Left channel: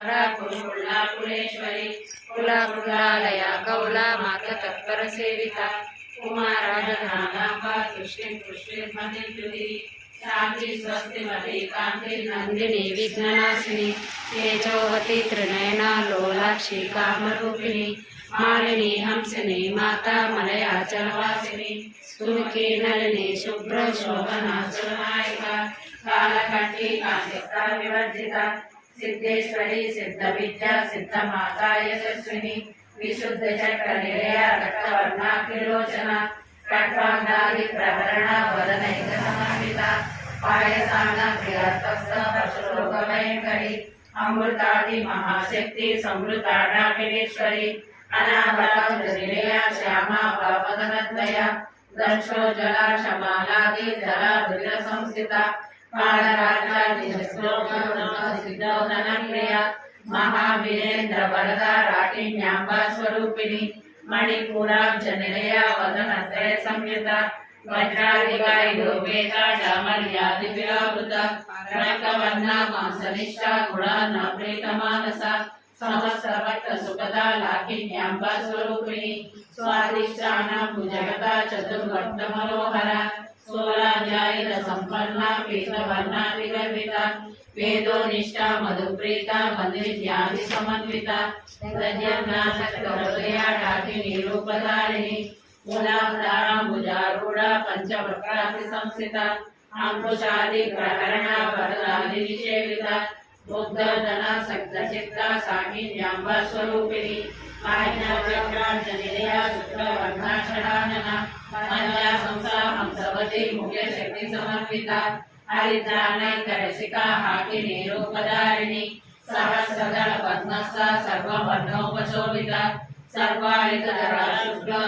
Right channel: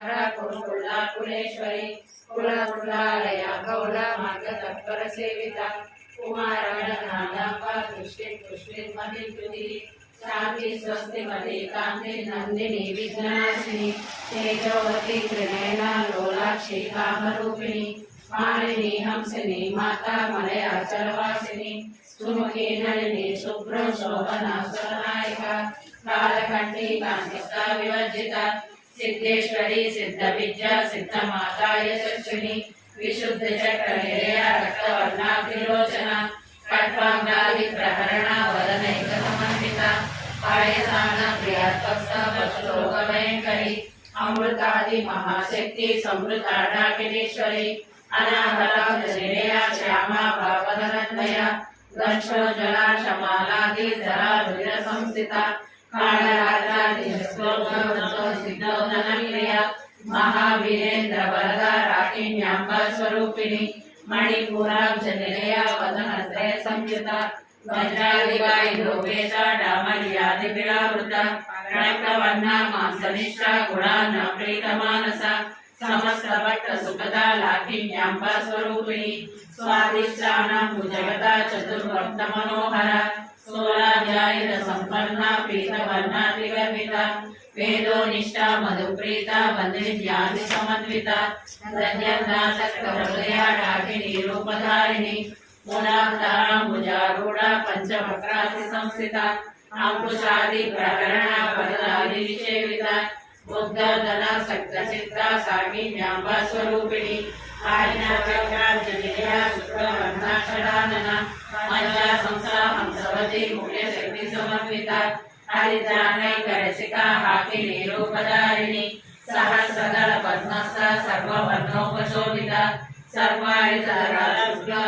कुलाकुलेश्वरी कुलाकुलालया कौला मार्गतत्पर सेविता कुमाराजनागांबा तुष्टिर्मतिर्जुति शांति स्वस्ति मति कांति नंदिनी विघ्ननाशिनी तेजोवती त्रिनयना लोलाक्षी कामरूपिणी मालिनी हंसिनी माता मलयाचलवासिनी सुमुखी नलिनी शुभ्र शोभना सुरनायिका कालकंठी कांतिस्ता विवर्जिता सिद्धेश्वरी सिद्ध विद्या सिद्ध माता यशस्विनी विशुद्ध चक्र निलया रक्तवर्णा त्रिलोचना खड्गांगादि प्रहरणा वदनैक समन्विता पायसाना प्रियात्मस्ता वशरोग भयंकरी अमृतादि महाशक्ति समृता डाकिनीश्वरी अनाहत निलया श्यामा भवदनद्वया दंशोज्वला शमालादि जरा धीर संस्थिता महावीरेन्द्र वरदा राटिन्यांबा स्वरूपिणी मणिपुराब्ज निलया वदनत्रय संयुता वज्रादिगायुर्वेदा डामर्यादिव्यावृता रक्तवर्णा मांसनिष्ठा गुणा न प्रीतमानसा समस्त भक्त सुखदा लाकिन्यांबा स्वरूपिणी स्वादिष्टानां भुजगता चतुर्वर्त मनोहरा सोलाध्यायित संपन्ना पीतवर्णा विगर्भिता वेदोनिष्ठा मधुप्रीता बंधुविद्यादि समन्विता दध्यन्ना सक्तहृदया डाकिनी रूपधारिणी मूलाधारा भुजारूढ़ा पंचवक्रासि संस्थिता अंकुशादि प्रहरणा वरदादि विषेविता बुद्धोदना सक्तचित्ता साकिन्यांबा स्वरूपिणी आज्ञाचक्रार्जनिलया शुक्रवर्णा षडानना मज्जा संसा हंसवती मुख्य शक्ति समन्विता हरिद्रानैकरसिका हाकिनी रूपधारिणी सहस्रदल पद्मस्था सर्ववर्णोपशोभिता सर्वायुधरा शुक्ल